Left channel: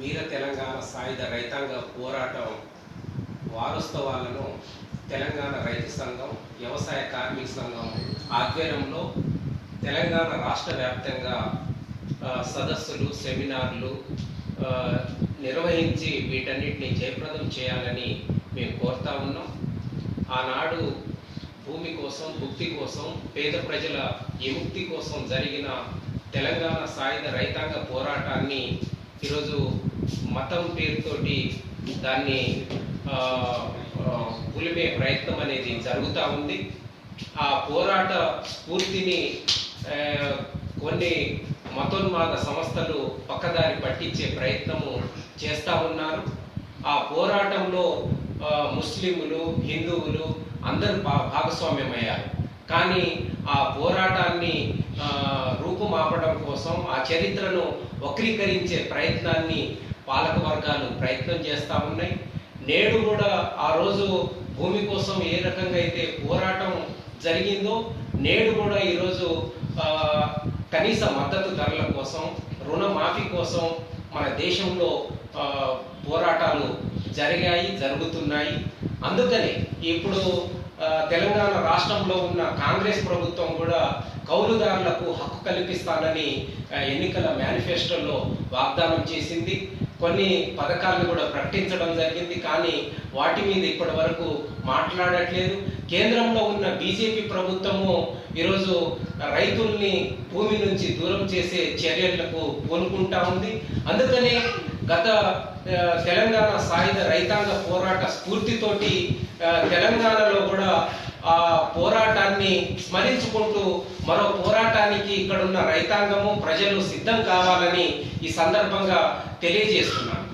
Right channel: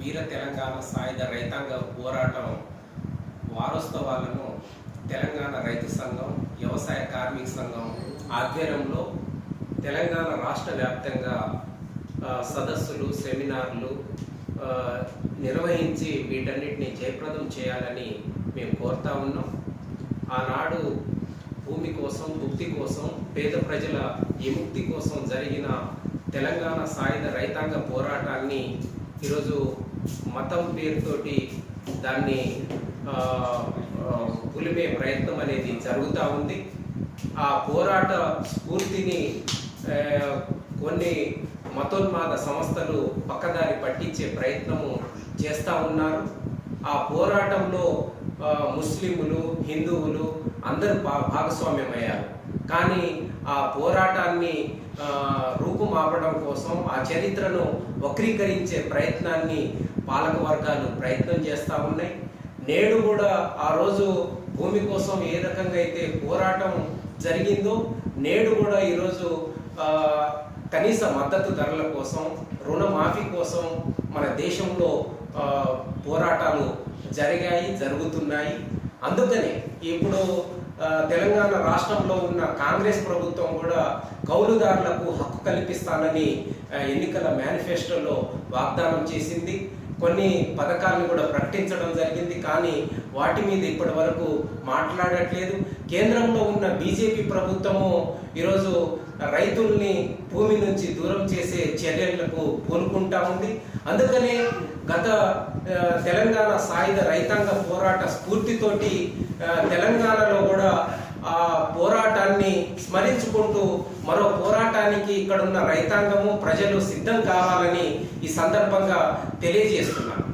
వీర తెలంగాణ సాయుధ రైతాంగ పోరాటం వారోత్సవాలను తెలంగాణ రైతు సంఘం, వ్యవసాయ కార్మిక సంఘం ఆధ్వర్యంలో తెలంగాణ రాష్ట్ర వ్యాప్తంగా సదస్సులు, సెమినార్లు నిర్వహించి వీటన్నిటిని జయప్రదం చేయాలని మేము కోరుతా ఉన్నాం. ఆనాడు భూమి కోసం, భుక్తి కోసం, పేద ప్రజల విముక్తి కోసం జరిగిన తెలంగాణ సాయుధ రైతాంగ పోరాటాన్ని ఈరోజు మతం పేరుతోటి దాన్ని పులిమే ప్రయత్నం అనేది జరుగుతూ ఉంది. ఆ పోరాట స్ఫూర్తిని కొన్ని మతోన్మాద సంస్థలు పక్కదారి పట్టించే ప్రయత్నము చేస్తూ ఉన్నారు. ఆ పోరాటంలో ముస్లింలు, హిందువులు అందరూ భాగస్వామ్యమయ్యారు. కానీ ఆ పోరాటాన్ని రూపుమాపడం కోసం, ఆ చరిత్రను వక్రీకరించే ప్రయత్నాన్ని పాలక వర్గాలు ప్రయత్నం చేస్తూ ఉన్నాయి. నేడు కూడా ఆ రోజు భూమి కోసం ఏ రకంగా అయితే పోరాటం జరిగిందో, నేడు కూడా ఈరోజు కనీస మద్దతు ధరల కోసం, రుణమాఫీ కోసం మన దేశంలో పోరాటాలు జరుగుతున్నాయి. అందుకని ఇప్పుడు తెలంగాణ రాష్ట్రంలో ఉన్న కాంగ్రెస్ ప్రభుత్వం కూడా కౌలుదారులకు హక్కు కల్పిస్తానని ఎన్నికల మేనిఫెస్టోలో వాగ్దానం చేసింది. కొన్ని పథకాలను కూడా ప్రకటించడం జరిగింది. కానీ వాటి మీద ఇప్పటి వరకు మాట్లాడట్లేదు. కేంద్రంలో ఉన్న బీజేపీ ప్రభుత్వము ఈరోజు రైతుల్ని భూమి నుంచి దూరం చేసే చర్యలకు పూనుకుంటా ఉంది. అందుకనే గత తెలంగాణ సాయుధ రైతాంగ పోరాట స్ఫూర్తితోటి తెలంగాణలో కూడా ఆ పోరాటాన్ని స్మరించుకుంటూ మరో పోరాటానికి ఇక్కడున్న రైతాంగము, ప్రజలు సిద్ధం కావాలని ఈ సందర్భంగా తెలియజేస్తున్నాను.